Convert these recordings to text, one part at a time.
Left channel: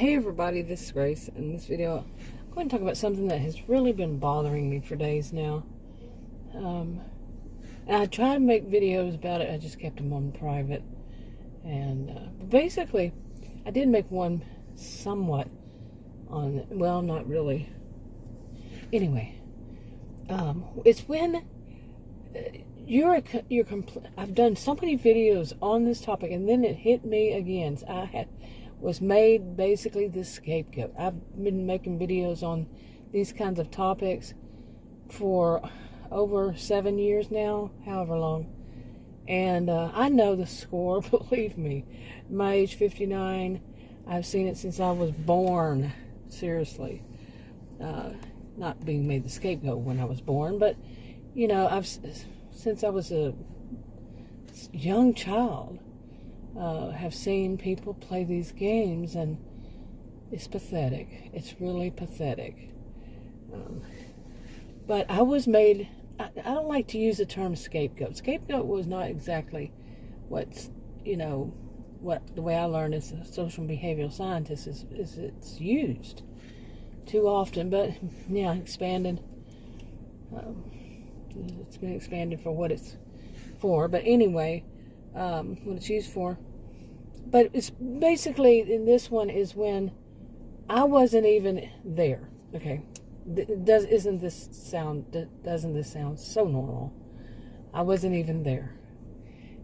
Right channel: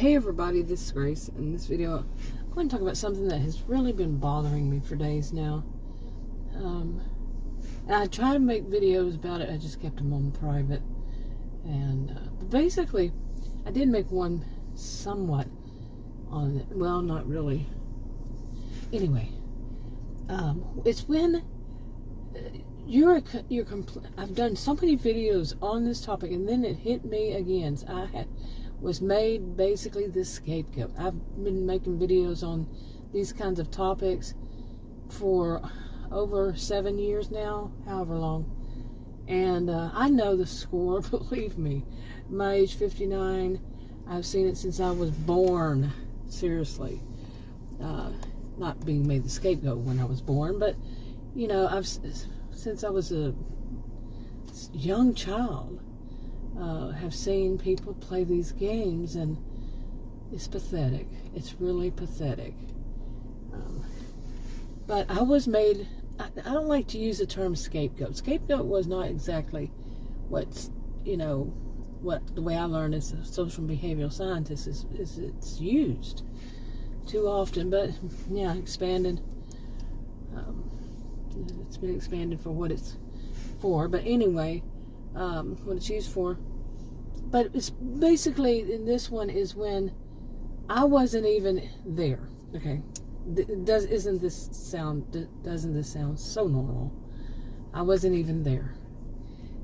Hey everybody, this is Grace. In this video, I'm going to talk about something that has really been bothering me for days now. I tried to make videos about it, I just kept them on private. And basically, I did make one somewhat on, well, not really. Anyway, it's when I've done so many videos on this topic, and then it hit me again. Was made basically the scapegoat. I've been making videos on these kinds of topics for over 7 years now, however long. And I know the score, believe me. My age 59, I've seen it since I was born, seriously. Not being made the scapegoat when I was born, but, you know, since I was a young child, have seen people play these games, and it's pathetic. It's really pathetic. But I was made, I don't like to use the term scapegoat. Scapegoat was not exactly what's, what the way I learned as a social and behavioral scientist is it's used too often, but yeah, expanded. It's been expanded for what it's for, but anyway, what it's used for. But it's basically, in this one is when I wasn't even there. Okay, doesn't this sound so normal? I wasn't even there,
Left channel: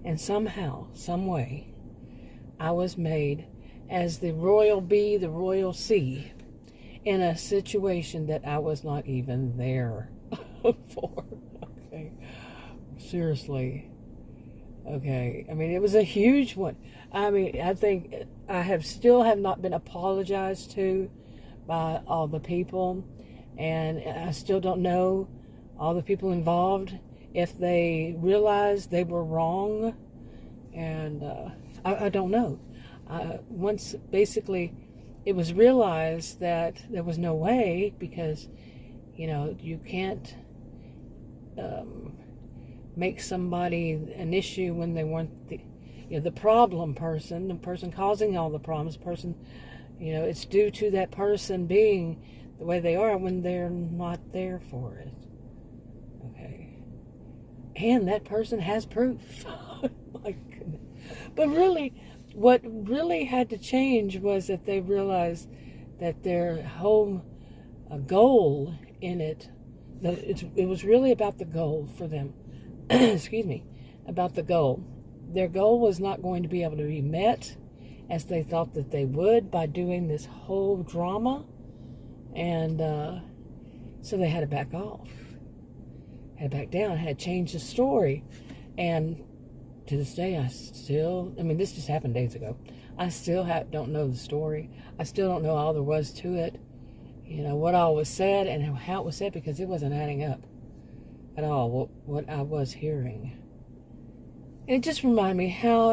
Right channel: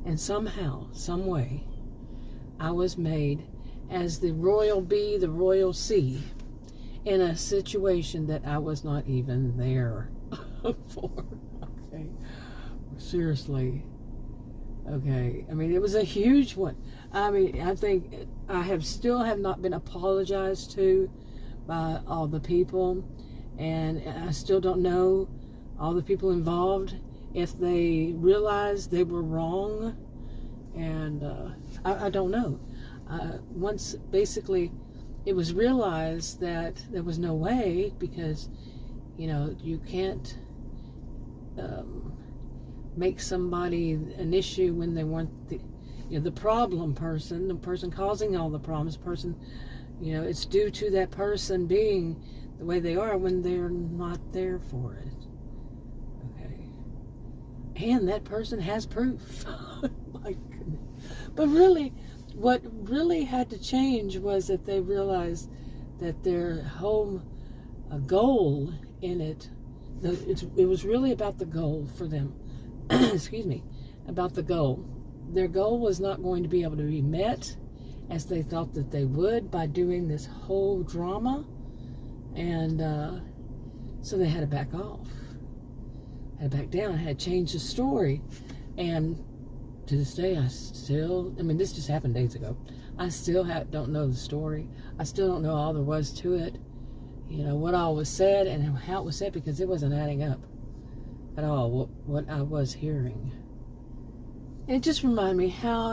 and somehow, some way, I was made as the royal bee, the royal C, in a situation that I was not even there for. Okay, seriously. Okay, I mean, it was a huge one. I mean, I think I still have not been apologized to by all the people, and I still don't know all the people involved if they realized they were wrong, and I don't know. Once basically it was realized that there was no way, because you can't make somebody an issue when they weren't the problem person, the person causing all the problems, it's due to that person being the way they are when they're not there for it. Okay. And that person has proof. My goodness. But really, what really had to change was that they realized that their whole goal in it, it was really about the goal for them. Excuse me, about the goal. Their goal was not going to be able to be met as they thought that they would by doing this whole drama, and so they had to back off, had to back down, had to change the story. And to this day, this just happened days ago, I still don't know the story. I still don't know all there was to it, what all was said and how it was said, because it wasn't adding up at all, what I was hearing. It just reminded me how,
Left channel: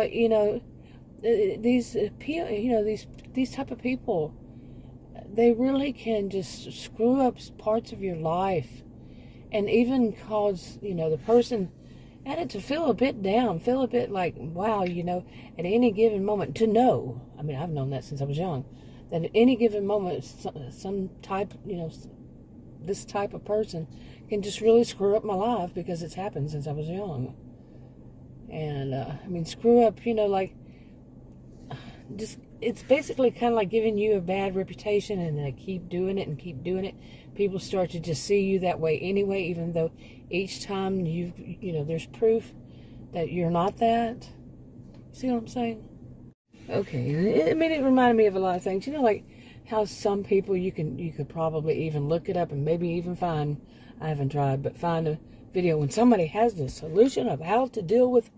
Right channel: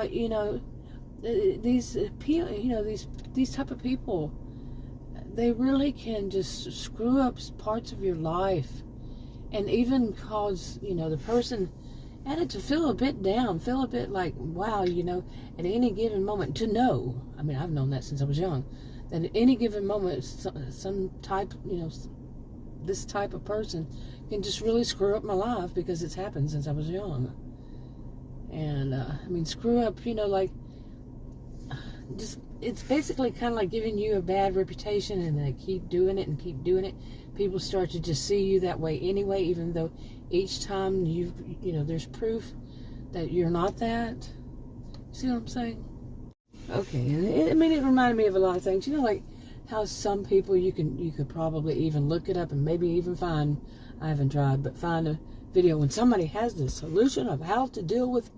these people, these type of people, they really can just screw up parts of your life, and even cause, the person added to feel a bit down, feel a bit like, wow, at any given moment, to know, I mean, I've known that since I was young, that at any given moment, some type, this type of person can just really screw up my life, because it's happened since I was young. And screw up, it's basically kind of like giving you a bad reputation, and they keep doing it and keep doing it. People start to just see you that way anyway, even though each time there's proof that you're not that. See what I'm saying? Okay, it reminded me of a lot of things. Like how some people you could probably even look it up and maybe even find, I haven't tried, but find a video when somebody has the solution of how to deal with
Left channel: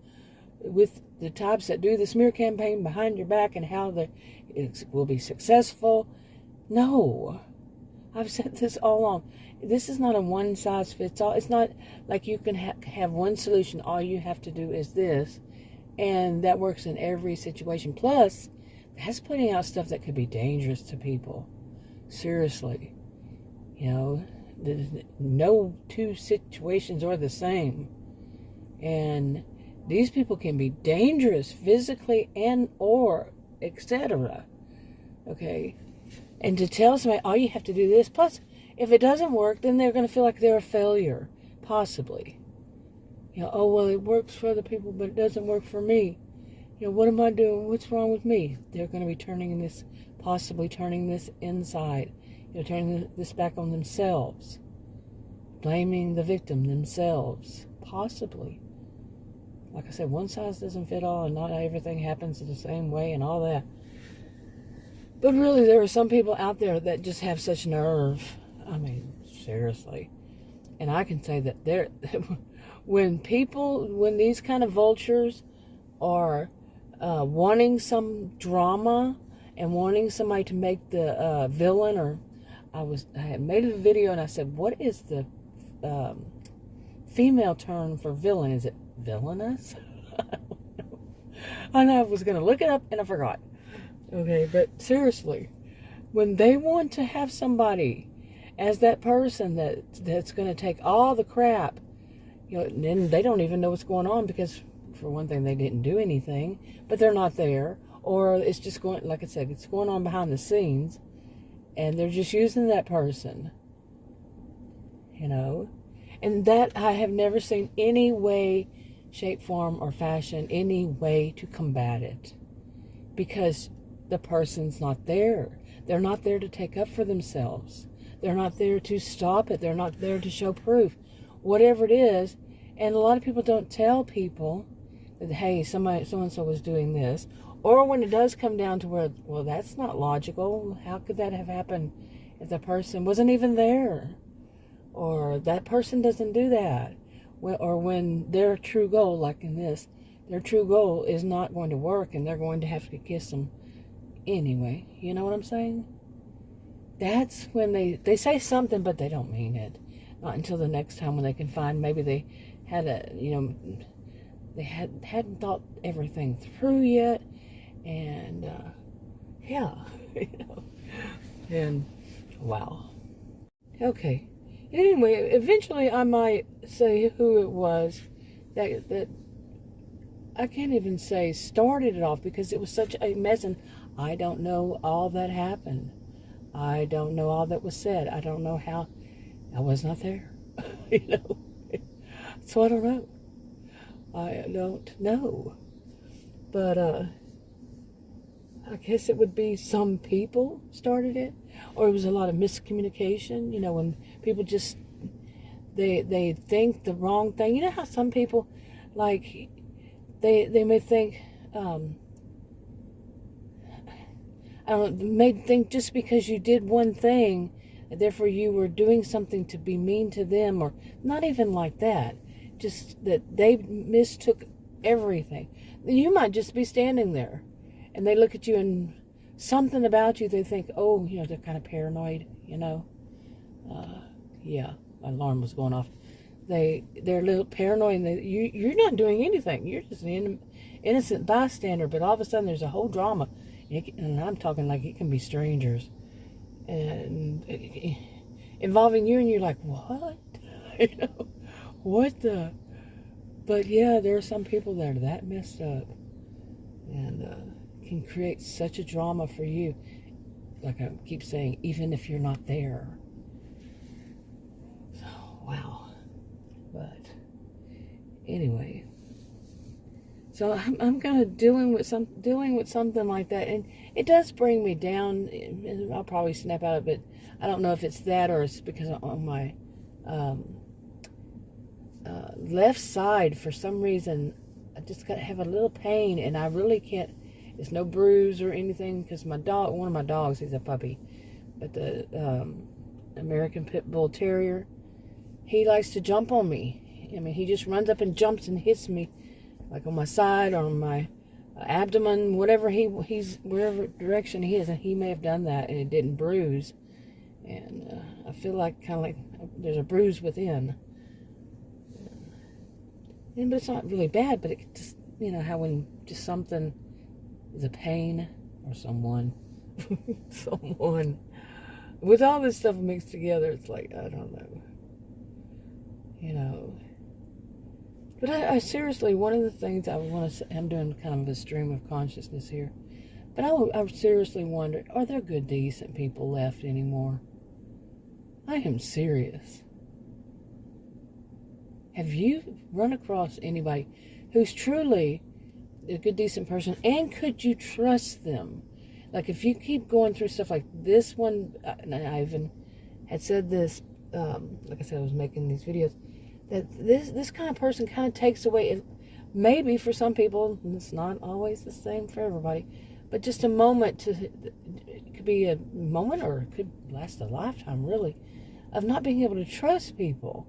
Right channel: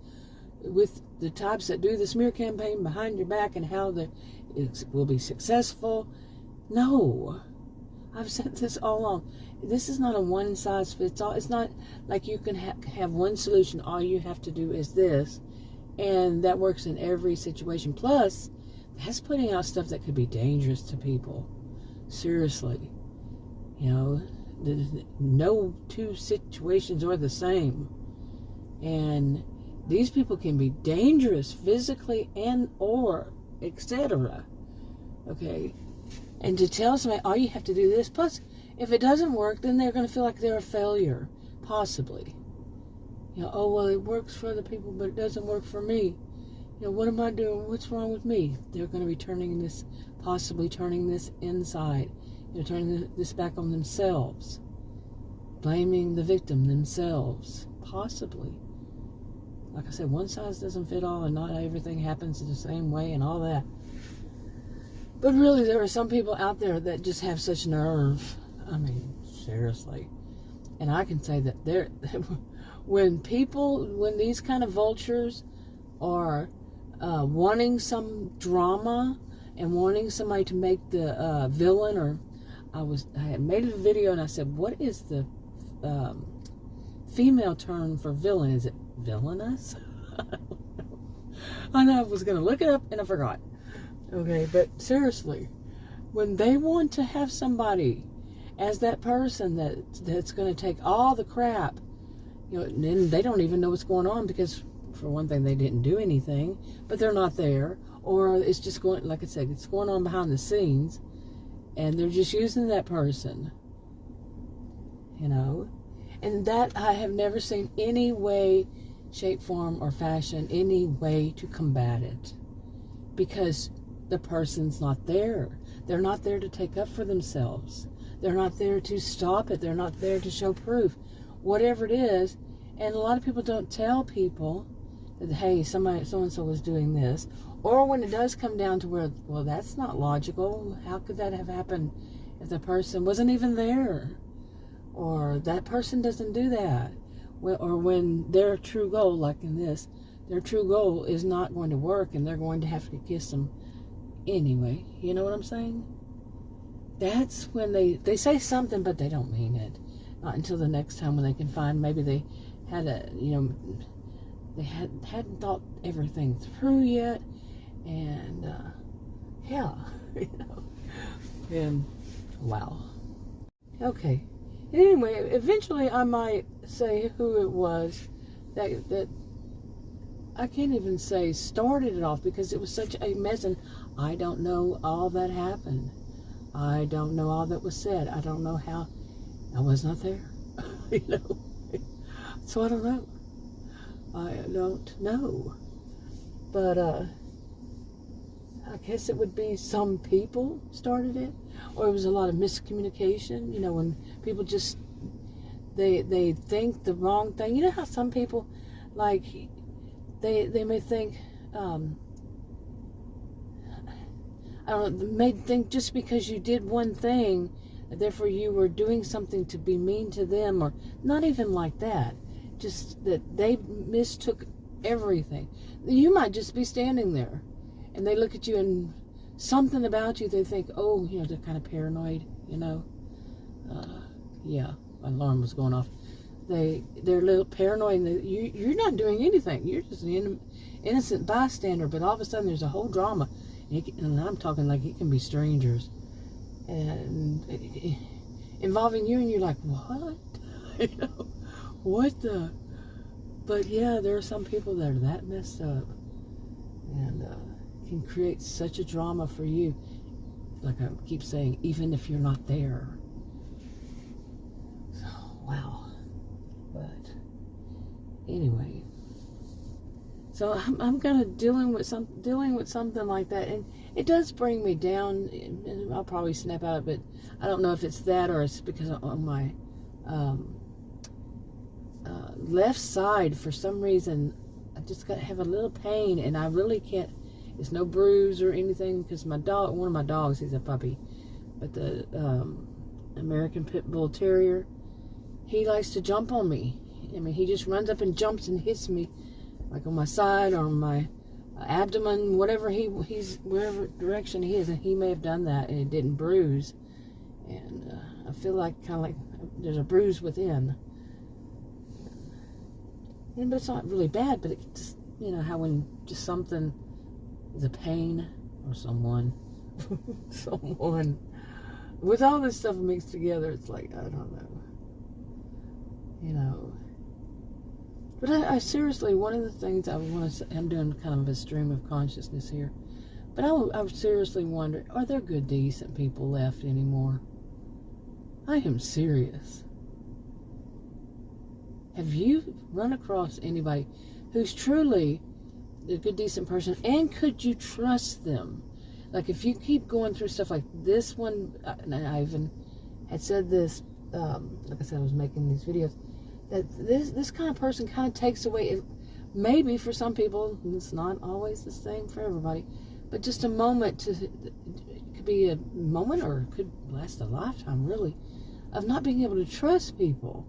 the types that do the smear campaign behind your back, and how it will be successful. No, I've said this all along. This is not a one size fits all. It's not like you can have one solution. All you have to do is this, and that works in every situation. Plus, that's putting out stuff that could be dangerous to people. Seriously, no two situations are the same, and these people can be dangerous physically and or etc. Okay, And to tell somebody, oh, you have to do this. Plus, if it doesn't work, then they're going to feel like they're a failure, possibly. Oh, well, it works for other people, but it doesn't work for me. What am I doing? What's wrong with me? They're going to be possibly turning this inside, turning this back on themselves, blaming the victim themselves, possibly. Like I said, one size doesn't fit all, and not everything happens the same way and all that. But really, there are some people out there that just have such nerve. I mean, seriously. And I can say that when these kind of vultures are wanting some drama and wanting somebody to make the villain, or I had made a video and I said, what is the female term for villain? Is it villainous? I know I was going to look it up and I forgot. Okay, but seriously, when they want to have somebody as that person that's going to take all the crap, then they don't even know what's going on, because for one thing, they didn't do anything, but they're not there, or it's just going, like I said, it's going on behind the scenes, and they're just using that person, and that I have never seen any way, shape, form, or fashion, any way to combat it, because the person's not there. They're not there to take up for themselves. They're not there to stop it. They're not there to show proof. Whatever it is, and a lot of people don't tell people that, hey, so-and-so was doing this. Or when it does come down to where, well, that's not logical. How could that have happened if the person wasn't even there? Or that person doesn't do that. Or when their true goal, like in this, their true goal is not going to work, and they're going to have to kiss them anyway. You know what I'm saying? That's when they say something, but they don't mean it. Not until the next time when they can find, maybe they had they hadn't thought everything through yet, and yeah, and wow. Okay. Anyway, eventually I might say who it was that I can't even say started it off, because it was such a mess, and I don't know all that happened. I don't know all that was said. I don't know how. I was not there. So I don't know. I don't know. But I guess it would be some people started it, or it was a lot of miscommunication. When people just they think the wrong thing. You know how some people, like, they may think may think just because you did one thing, therefore you were doing something to be mean to them, or not even like that. Just that they mistook everything. You might just be standing there, and they look at you, and something about you, they think, oh, they're kind of paranoid, yeah, my alarm was going off. They're a little paranoid, and you're not doing anything. You're just an innocent bystander, but all of a sudden there's a whole drama. And I'm talking like it can be strangers, and involving you, and you're like, what? What the? But yeah, there are some people that are that messed up, and can create such a drama for you. Like I keep saying, even if you're not there. So, wow. But anyway. So I'm kind of dealing with something like that, and it does bring me down. And I'll probably snap out of it. I don't know if it's that, or it's because on my left side, for some reason, I just have a little pain, and I really can't. It's no bruise or anything, because one of my dogs, he's a puppy, but the American Pit Bull Terrier, he likes to jump on me. I mean, he just runs up and jumps and hits me, like on my side or on my abdomen, whatever wherever direction he is, and he may have done that, and it didn't bruise, and I feel like kind of like there's a bruise within, but it's not really bad, but it just, how when just something is a pain, or someone with all this stuff mixed together, it's like, I don't know, But I seriously, one of the things I want to say, I'm doing kind of a stream of consciousness here. But I seriously wonder, are there good, decent people left anymore? I am serious. Have you run across anybody who's truly a good, decent person, and could you trust them? Like, if you keep going through stuff like this one, and I even had said this, like I said, I was making these videos, that this kind of person kind of takes away, it, maybe for some people, it's not always the same for everybody, but just a moment it could be a moment, or it could last a lifetime, really, of not being able to trust people.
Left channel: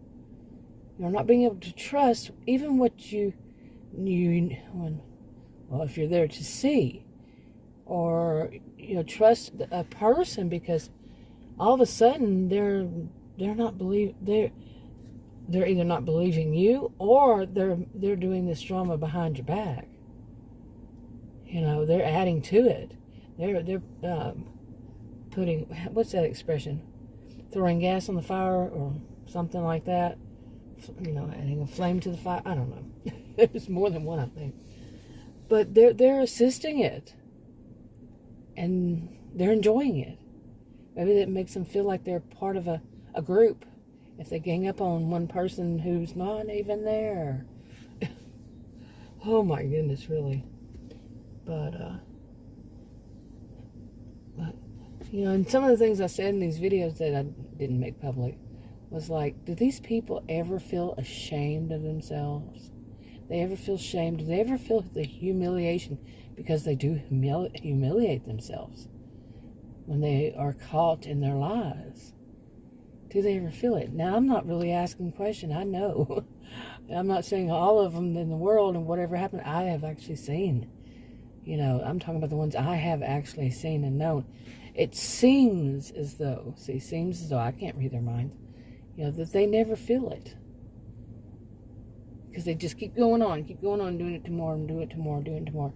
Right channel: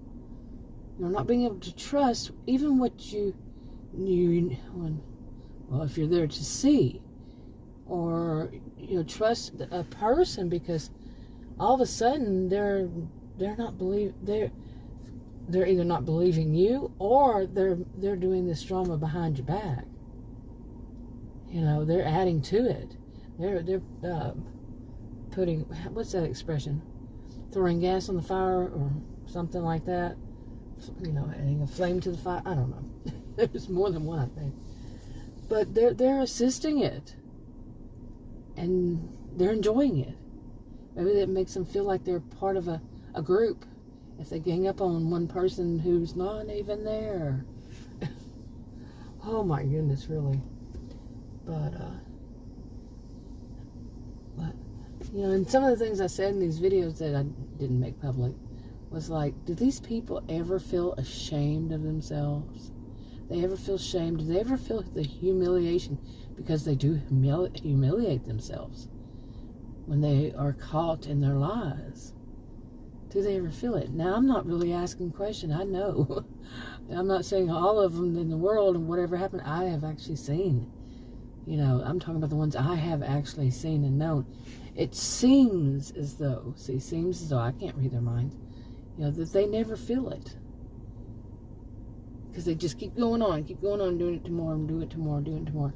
You're not being able to trust even what well, if you're there to see, or trust a person, because all of a sudden they're either not believing you, or they're doing this drama behind your back. They're adding to it. They're putting, what's that expression? Throwing gas on the fire or something like that. Adding a flame to the fire. I don't know. There's more than one, I think. But they're assisting it, and they're enjoying it. Maybe that makes them feel like they're part of a group. If they gang up on one person who's not even there. Oh my goodness, really. But and some of the things I said in these videos that I didn't make public was like, do these people ever feel ashamed of themselves? They ever feel shame? Do they ever feel the humiliation? Because they do humiliate themselves when they are caught in their lies. Do they ever feel it? Now, I'm not really asking questions. I know. I'm not saying all of them in the world and whatever happened, I have actually seen. I'm talking about the ones I have actually seen and known. It seems as though, I can't read their minds, that they never feel it. Because they just keep going on, doing it tomorrow, and doing it tomorrow, doing it tomorrow.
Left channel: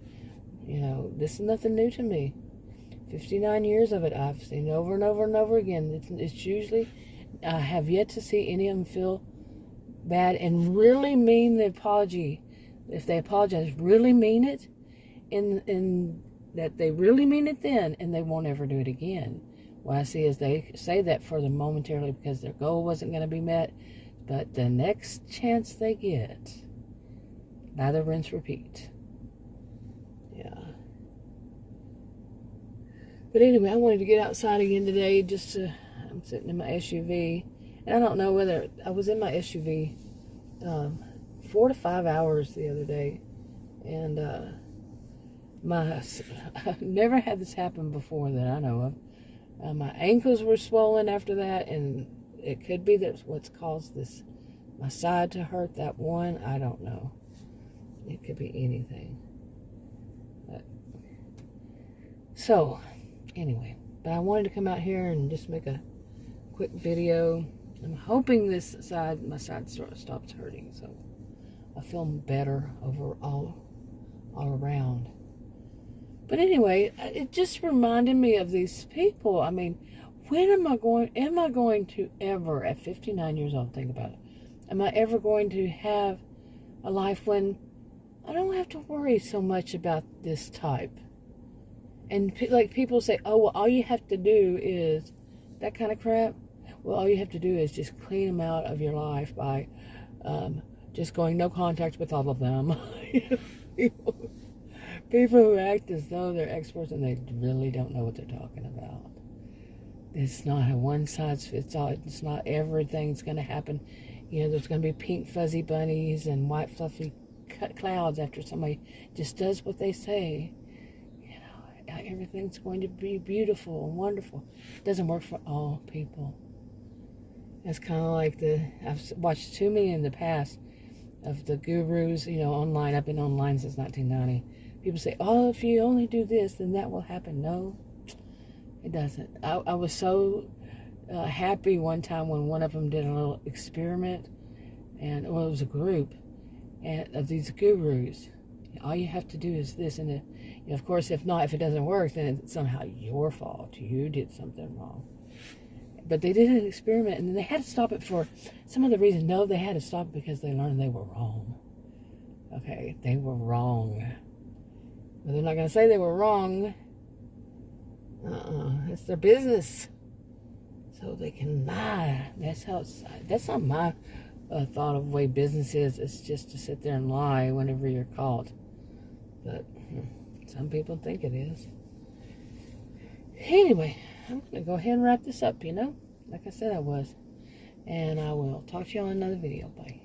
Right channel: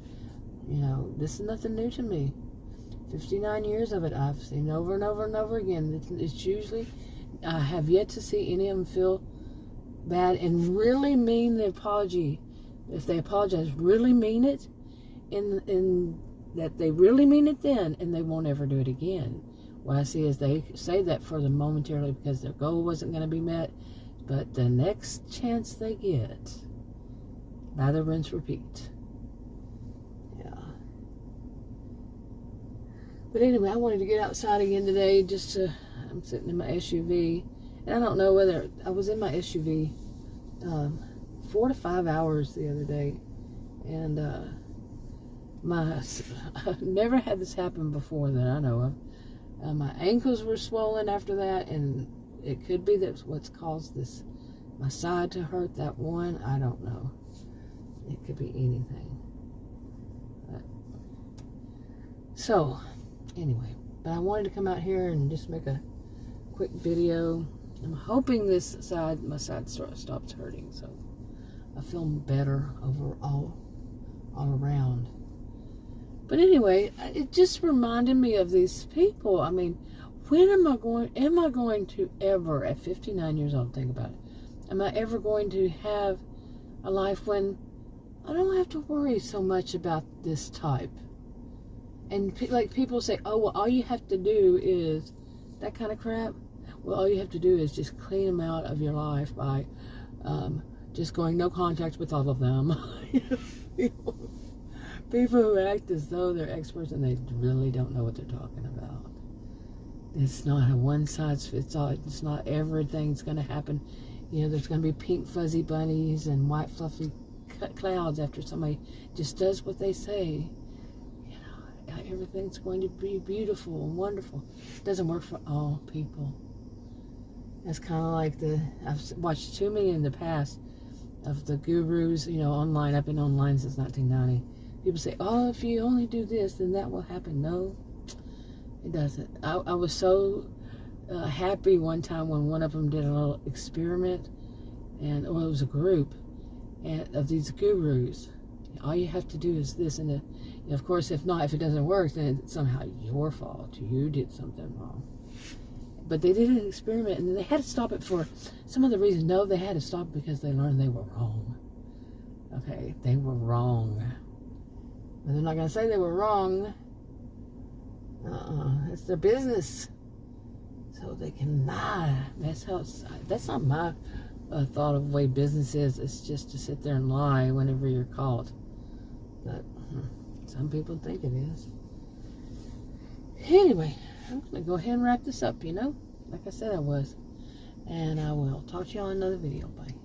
This is nothing new to me. 59 years of it, I've seen over and over and over again. It's usually, I have yet to see any of them feel bad and really mean the apology. If they apologize, really mean it, in that they really mean it then, and they won't ever do it again. What I see is they say that for them momentarily because their goal wasn't going to be met, but the next chance they get, lather, rinse, repeat. Yeah. But anyway, I wanted to get outside again today. I'm sitting in my SUV, and I don't know whether I was in my SUV 4 to 5 hours the other day, and I've never had this happen before that I know of. My ankles were swollen after that, and it could be that's what's caused my side to hurt. That one, I don't know. It could be anything. So, anyway, but I wanted to come out here and just make a quick video. I'm hoping my side stops hurting, so I feel better all around. But anyway, it just reminded me of these people. I mean, when am I going to ever, at 59 years old, think about it, am I ever going to have a life when I don't have to worry so much about this type? And like people say, oh, well, all you have to do is that kind of crap. Well, all you have to do is just clean them out of your life by just going no contact with all of them. People who act as though they're experts and they really don't know what they're talking about. It's not a one-size-fits-all. It's not everything's going to happen. There's going to be pink fuzzy bunnies and white fluffy clouds after somebody just does what they say. Everything's going to be beautiful and wonderful. It doesn't work for all people. It's kind of like I've watched too many in the past of the gurus, online. I've been online since 1990. People say, oh, if you only do this, then that will happen. No, it doesn't. I was so happy one time when one of them did a little experiment, and it was a group of these gurus. All you have to do is this, and of course, if it doesn't work, then it's somehow your fault. You did something wrong. But they did an experiment, and they had to stop it for some other reason. No, they had to stop it because they learned they were wrong. Okay, they were wrong. But they're not going to say they were wrong. It's their business. So they can lie. That's not my thought of the way business is. It's just to sit there and lie whenever you're caught. But some people think it is. Anyway, I'm going to go ahead and wrap this up, like I said I was. And I will talk to you on another video. Bye.